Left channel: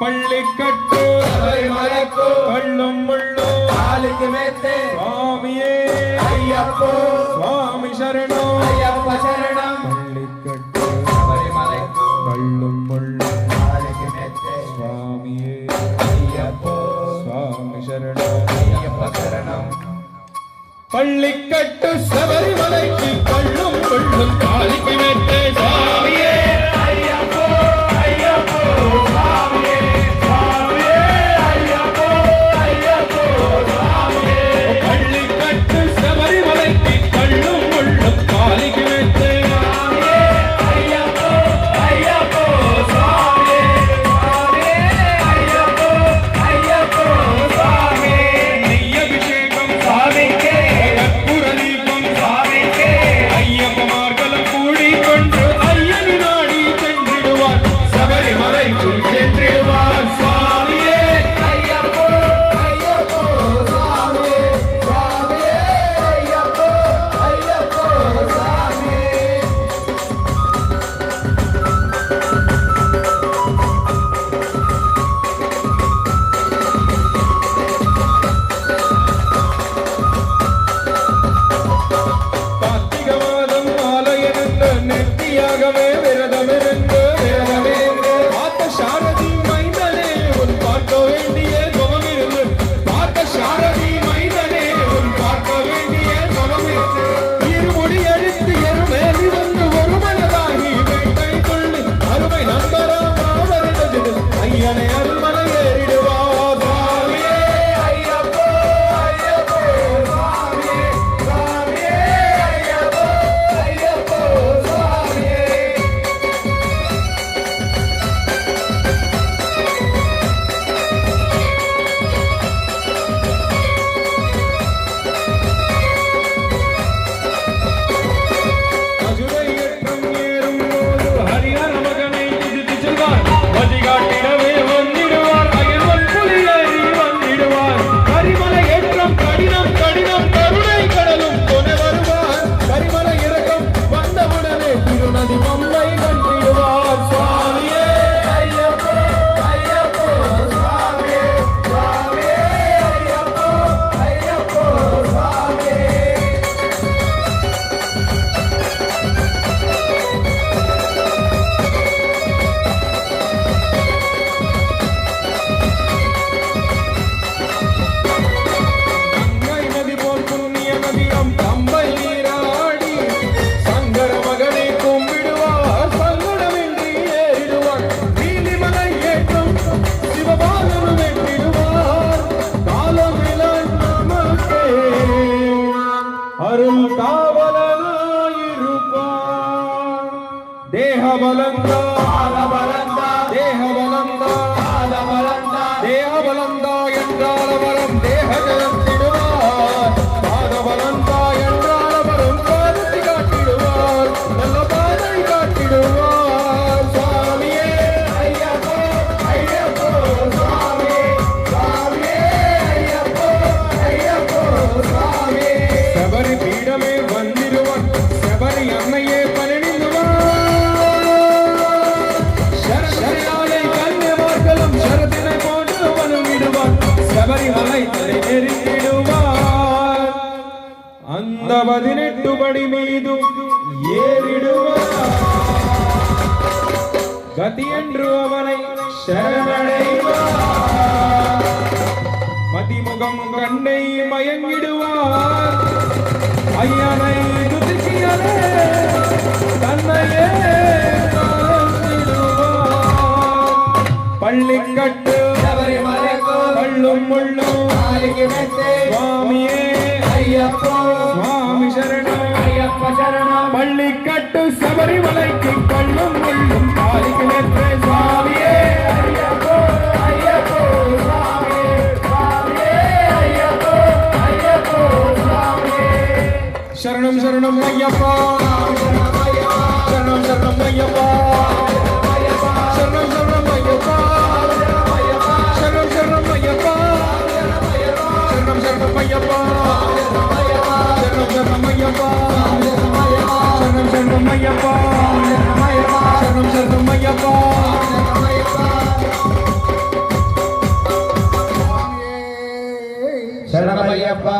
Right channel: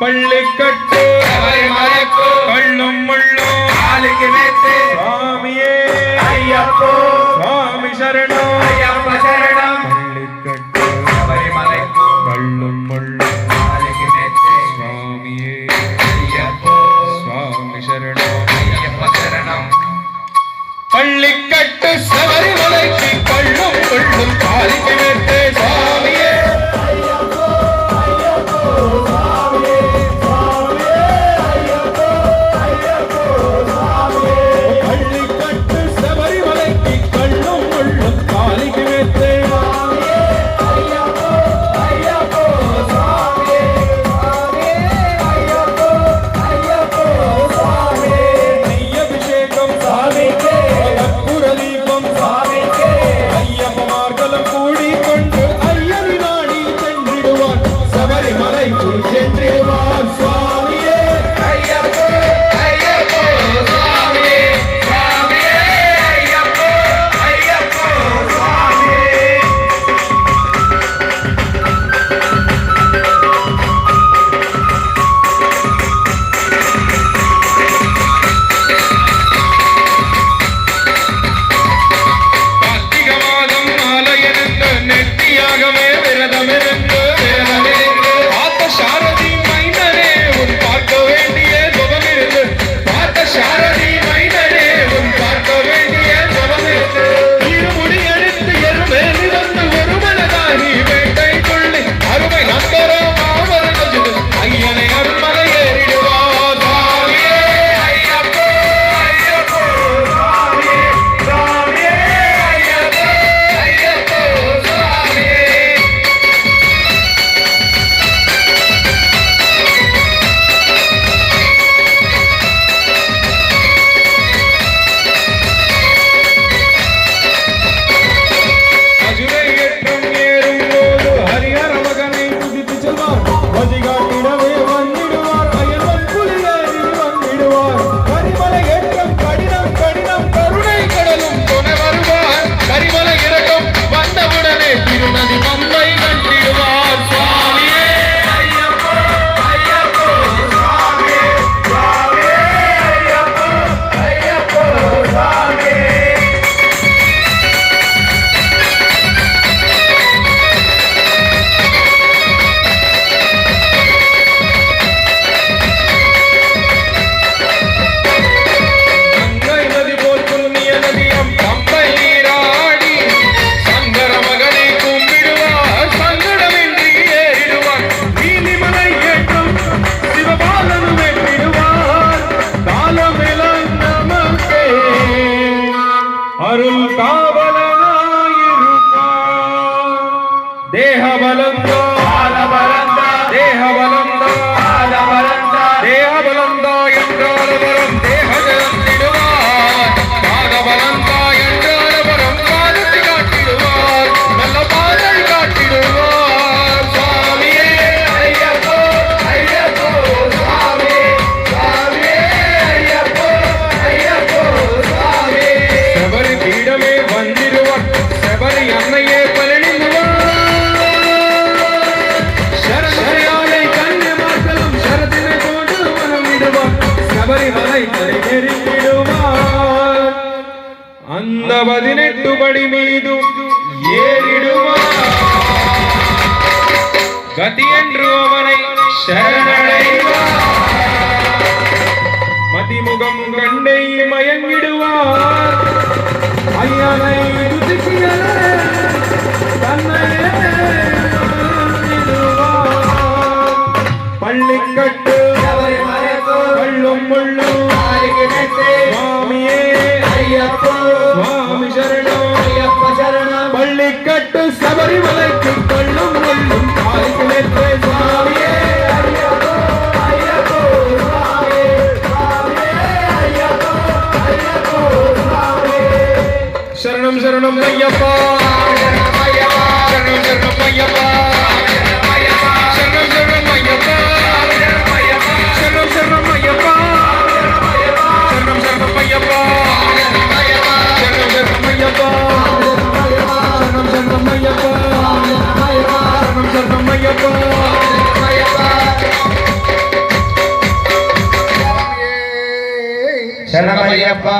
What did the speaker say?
பள்ளிக்கட்டு கள்ளும் முள்ளும் சுவாமியே ஐயப்போ சுவாமி சரணம் ஐயப்ப சரணம் பள்ளிக்கட்டு சபரிமலைக்கு கள்ளும் முள்ளும் சுவாமியே ஐயப்போ சுவாமி சரணம் ஐயப்ப சரணம் பள்ளிக்கட்டு சபரிமலைக்கு கள்ளும் முள்ளும் காலிக்கு நேர்த்தே சுவாமியே பள்ளிக்கட்டு சபரிமலைக்கு கள்ளும் முள்ளும் காலிக்கு நேர்த்தே நெய்யபிஷேகம் சாமிக்கே கற்பூர தீபம் சாமிக்கே ஐயப்பமார்களும் கூடிக் கொண்டு ஐயனி நாடி சென்றிடுவார் சபரிமலைக்கு சென்றிடுவார் சுவாமியே ஐயப்போ ஐயப்போ சுவாமியே சுவாமியே ஐயப்போ ஐயப்போ சுவாமியே கார்த்திகை மாதம் மாலையிருந்து நெற்றியாகவே விரதமிருந்து பார்த்த சாரதி மைந்தனே உன் பார்க்க வேண்டிய ஜபமிருந்து பார்த்த சாரதி மைந்தனே உன் பார்க்க வேண்டிய ஜபமிருந்து இருமுடி எடுத்து எருமேறி வந்து ஒருமனதாகி வேட்டை கொள்ளி அருமை நந்தரம் மாமரகஜது ஐயனை அருள்மலை ஏறிடுவார் சுவாமியே ஐயப்போ ஐயப்போ சுவாமியே சுவாமியே ஐயப்போ ஐயப்போ சுவாமியே மதுரை ஏற்றம் ஏறும் போது ஹரிஹர மகனை துதித்து செல்வார் வழிகாட்டிடவே வந்திடுவார் அயல்வன் புலி ஏறி வந்திடுவார் கரிமலை ஏற்றம் கடினம் கடினம் கருணை கடலும் துணை வருவார் கரிமலை இறக்கம் வந்தவுடனே திருநதி மந்தை கண்டிடுவார் சுவாமியே ஐயப்போ ஐயப்போ சுவாமியே சுவாமியே ஐயப்போ ஐயப்போ சுவாமியே கங்கை நதி போல் புண்ணிய நதியம் பம்பை நீராடி சங்கர மகனை கும்பிடுவார் சங்கடமின்றி ஏறிடுவார் நீலிமலை ஏற்றம் சிவபாலனு வெட்டிடுவார் காலமிலன் நமக்கே அருள் காவலனாயிருப்பார் தேகபலந்தா தேகபலந்தா தேகபலந்தா என்றால் வரம் தேகஜலத்திடுவார் பாதபலந்தா என்றால் வரம் பாதத்தை காட்டிடுவார் நல்ல பாதை காட்டிடுவார் சுவாமியே ஐயப்போ ஐயப்போ சுவாமியே சுவாமியே ஐயப்போ ஐயப்போ சுவாமியே சபரி பீடமே வந்திடுவார் சபரி அன்னையே பழனிடுவார் சரசரையானை கன்னிமார்களும் சரதினை போட்டு வனம் விடுவார் சபரிமலை நெருங்கிடுவார் அந்த 18 படி மீதும் ஏறிடுவார் கதி என்று அவனை சரணடைவார் மதிமுகம் கண்டை மயங்கிடுவார் ஐயனை துதிக்கிறே தன்னையே மறந்திடுவார். பள்ளிக்கட்டு கள்ளும் முள்ளும் சுவாமியே ஐயப்போ சுவாமி சரணம் ஐயப்ப சரணம் பள்ளிக்கட்டு சபரிமலைக்கு கள்ளும் முள்ளும் காலிக்கு நேர்த்தே சுவாமியே ஐயப்போ சுவாமியே சுவாமியே ஐயப்போ ஐயப்போ சுவாமியே சரணம் சரணம் ஐயப்பா சரணம் சரணம் ஐயப்பா சரணம் சரணம் ஐயப்பா சரணம் சரணம் ஐயப்பா சரணம் சரணம் ஐயப்பா சரணம் சரணம் ஐயப்பா சரணம் சரணம் ஐயப்பா சரணம் சரணம் ஐயப்பா ஐயப்பா